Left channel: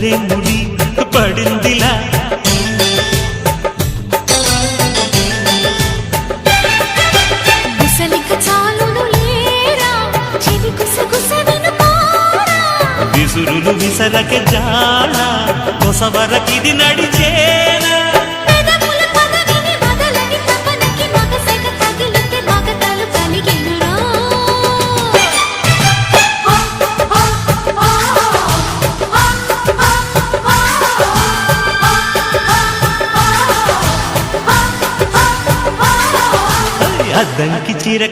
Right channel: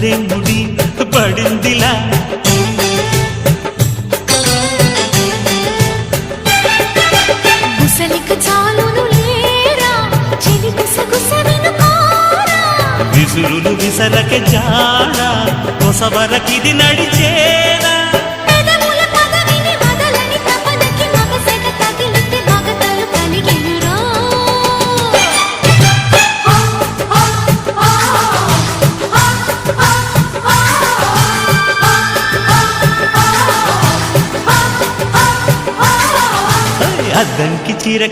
భలే ముడి పడిందిలా గుసలిక చాలును లేరా చెలి గుసగుస వినుకోరా విసురులు విసరకే జాడ కొసవరకిది నడిచేనా పెదవుల పదవిని వదలని తపనకి మగసెగ తగిలితే మగతలు కలిగెనురా అద్దంకి చీర